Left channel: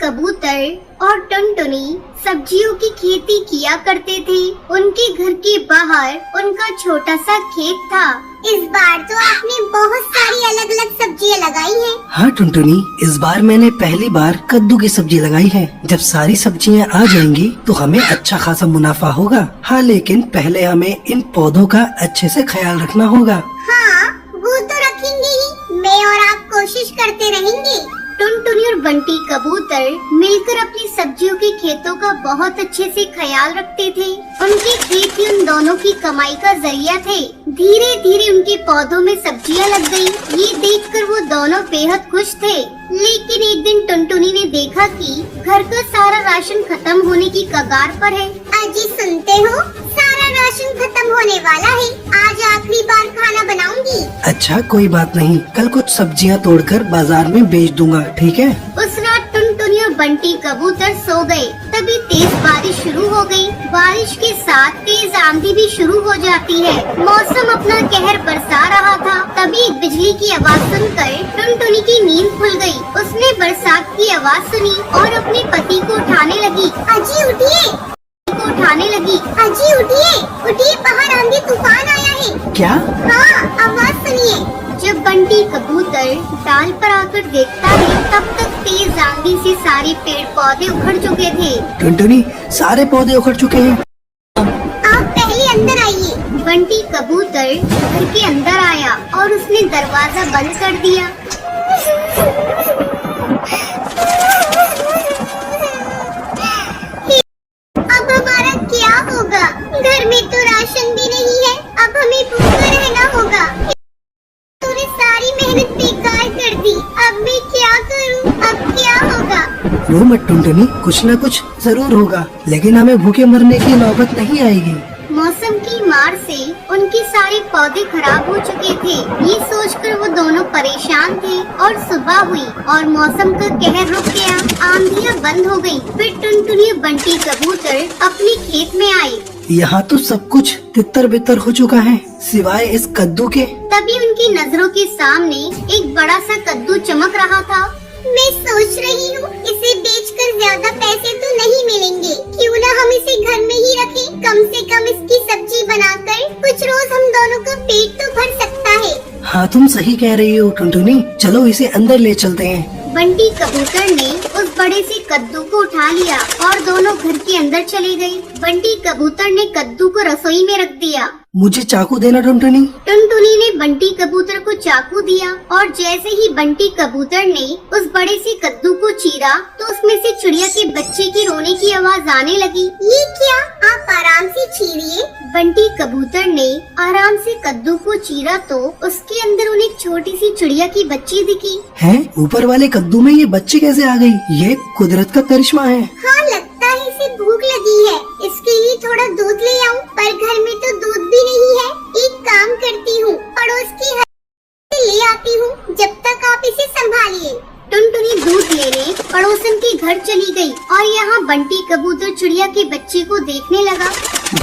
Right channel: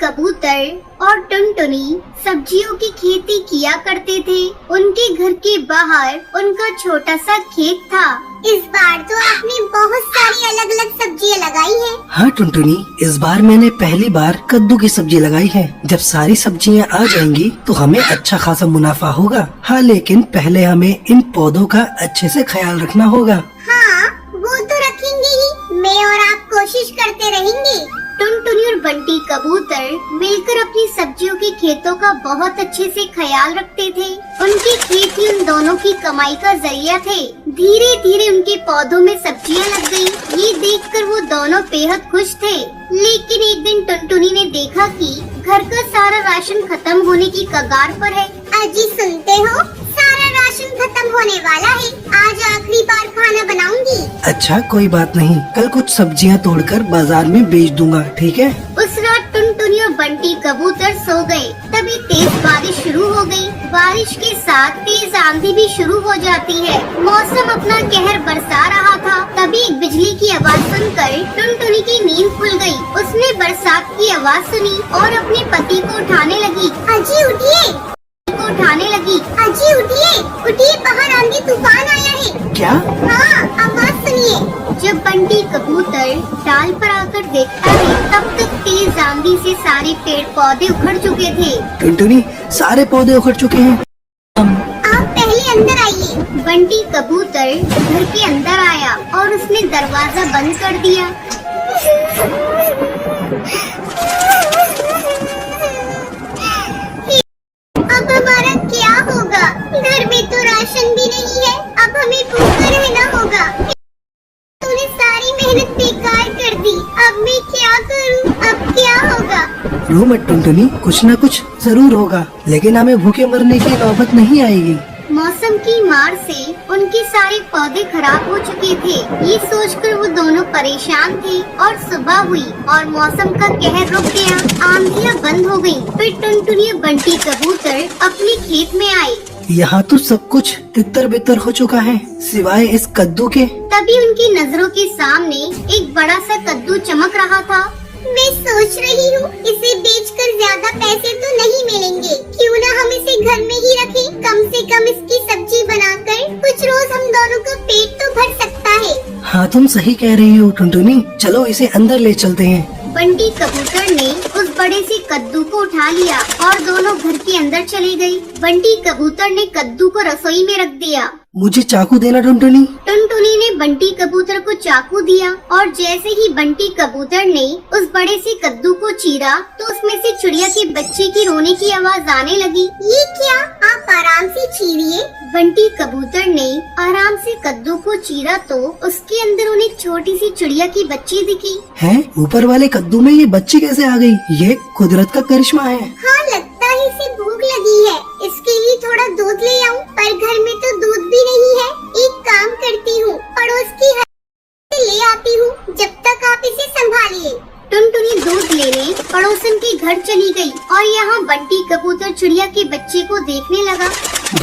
कबूतर और टुनटुनी सब्जियों की खेती किया करते थे। उनके घर के बाहर उनका छोटा सा खेत था। इस बार तो आपने बहुत सारी अलग अलग सब्जियां लगाई हैं। हाँ टुनटुनी, इस बार मैंने पहली बार कद्दू की सब्जी लगाई है। जब सारी सब्जियां आ जाएंगी तो हमें अच्छा खासा मुनाफा होगा। हाँ, लेकिन पहले हमें इन पौधों का अच्छे से ख्याल रखना होगा। हाँ, वो तो रखेंगे ही। मैं और आप कोशिश करते रहेंगे। टुनटुनी और बंटी कबूतर मिलकर अपनी सब्जियों के खेतों का बहुत अच्छे से ख्याल रखते थे। उनके खेत ही उन दोनों की कमाई का जरिया थे। धीरे धीरे उनके पौधों में सब्जियां लग गयी। ये देखकर वो दोनों बेहद खुश थे। लेकिन एक दिन टुनटुनी ने देखा कि घर का सारा राशन खत्म होने की कगार पर है। अजी सुनते हो, सारा राशन खत्म होने वाला है। आज आखिरी बार खाना बनाऊंगी। अच्छा, कोई बात नहीं, कल कुछ सब्जियां तोड़कर बाजार में बेच दूंगा, ठीक है? उस रात टुनटुनी और बंटी कबूतर सो गए। तभी तेज बारिश शुरू हो गई। बारिश के साथ तेज आंधी भी शुरू हो जाती है। मौसम अपना कहर बरसा रहा था। तभी एक बिजली की आवाज सुनकर टुनटुनी की नींद खुल गई। उसने बरसात की आवाज सुनी और अपने पति को उठाने लगी। अजी उठिए, उठाने लगी। अजी उठिए, उठिए, बाहर आंधी तूफान आया है। क्या? हाँ, आवाज सुनिए। जब बंटी कबूतर डाल पर आकर देखता है, तब तक तेज आंधी से सारे पेड़ पौधे उखड़ चुके थे। टुनटुनी, सारे पौधे उखड़ चुके हैं। आप पहले अंदर आइए। बंटी कबूतर घर के अंदर आया और उसने दरवाजा बंद कर दिया। अब हमारा क्या होगा? घर में तो राशन भी नहीं है। अब हमें भूखा रहना होगा। तूने सारी मेहनत बेकार कर दी। अब मैं क्या करूं? अब क्या होगा? रो मत टुनटुनी, कुछ न कुछ जरूर होगा, लेकिन हमें भूखे मरने की नौबत नहीं आएगी। मौसम की मार से उनके सारे पौधे खराब हो चुके थे। ये सोचकर वो दोनों परेशान थे और सुबह हुई और मौसम का कहर रुक गया। आंधियां बंद हो गयी। फिर टुनटुनी और बंटी कबूतर अपने खेत में आए। यहाँ तो सब कुछ तितर बितर हो चुका है, सिवाय इस कद्दू के। तभी उनकी नजरों के सामने एक बड़ा सा कद्दू चमक रहा था। मैं सोच रही हूँ, इसे बेचकर ज्यादा पैसे तो नहीं मिलेंगे। क्यों ना हम इसे घर में ही रखें? कम से कम इसकी सब्जी बनाकर कुछ रोज हम दोनों का पेट तो भर सकता है। हाँ, तुम सही कह रही हो टुनटुनी, चलो इसे अंदर ले चलते हैं। बंटी कबूतर ने उस बड़े से कद्दू को उठा लिया और दोनों घर के अंदर चले गए। बंटी कबूतर ने कद्दू को रसोई में रख दिया। मुझे चाकू देना टुनटुनी। टुनटुनी ने बंटी कबूतर को चाकू दिया और जैसे ही बंटी कबूतर ने उस बड़े से कद्दू को चीरा तो उसमें से चिड़िया के बच्चे की रोने की आवाज आने लगी। ये क्या? आप आराम से चीरिए। बंटी कबूतर ने आराम से कद्दू को चीरा तो उसके अंदर उन्हें एक छोटी सी चिड़िया की बच्ची दिखी। है? ऊपर वाले कद्दू में ये बच्ची कैसे आ गई? ये कुदरत का करिश्मा है। हाँ, लगता है इसे भूख लगी है। इसके लिए थोड़ा दूध ले आऊं, पर घर में तो दूध भी नहीं है। एक काम करती हूँ, पड़ोस की से ले आती हूँ, जब तक आप इसे संभालिए। टुनटुनी दूध लेने पड़ोसन के घर चली गई और यहाँ बंटी कबूतर चिड़िया के बच्चे को देखने लगा।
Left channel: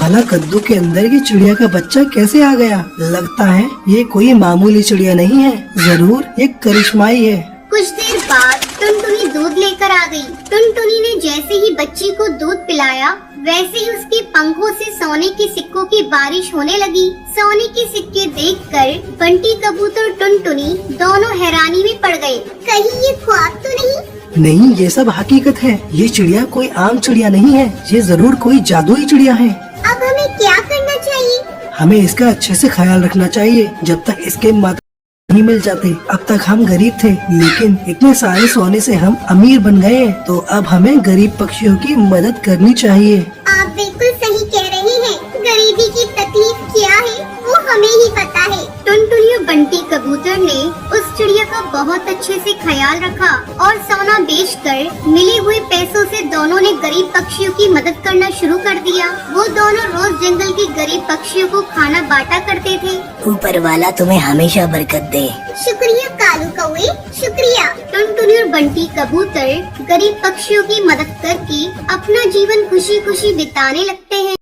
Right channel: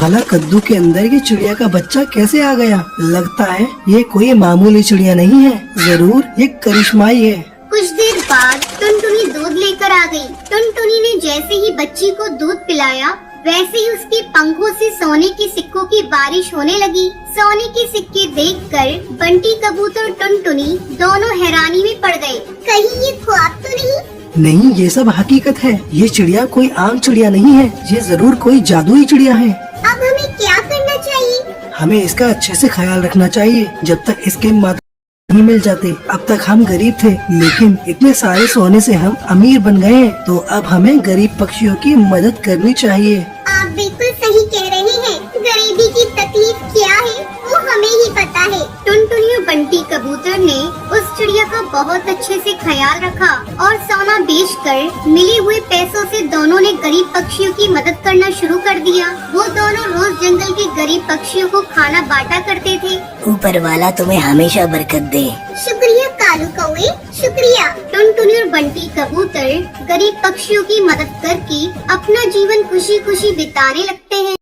भला कद्दू के अंदर के चिड़िया का बच्चा कैसे आ गया? लगता है ये कोई मामूली चिड़िया नहीं है, जरूर एक करिश्माई है। कुछ देर बाद टुनटुनी दूध लेकर आ गई। टुनटुनी ने जैसे ही बच्ची को दूध पिलाया, वैसे ही उसके पंखों से सोने के सिक्कों की बारिश होने लगी। सोने के सिक्के देखकर बंटी कबूतर और टुनटुनी दोनों हैरानी में पड़ गए। कहीं ये ख्वाब तो नहीं? नहीं, ये सब हकीकत है। ये चिड़िया कोई आम चिड़िया नहीं है, ये जरूर कोई जादुई चिड़िया है। अब हमें क्या करना चाहिए? हमें इसका अच्छे से ख्याल रखना चाहिए जब तक इसके माता नहीं मिल जाते। अब तक हम गरीब थे, लेकिन इतने सारे सोने से हम अमीर बन गए, तो अब हमें गरीब पक्षियों की मदद करनी चाहिए। आप बिल्कुल सही कह रहे हैं। गरीबी की तकलीफ क्या है वो हमें ही पता है। टुनटुनी और बंटी कबूतर ने उस चिड़िया का बहुत अच्छे से ख्याल रखा और सोना बेचकर मिले हुए पैसों से दोनों ने गरीब पक्षियों की मदद करना शुरू कर दिया। वो दोनों रोज जंगल के गरीब पक्षियों को खाना बांटा करते थे। ऊपर वाला तुम्हें हमेशा बरकत दे। शुक्रिया कालू कौवे, शुक्रिया। टुनटुनी और बंटी कबूतर गरीब पक्षियों की मदद करके अपना जीवन खुशी खुशी बिताने लगते हैं।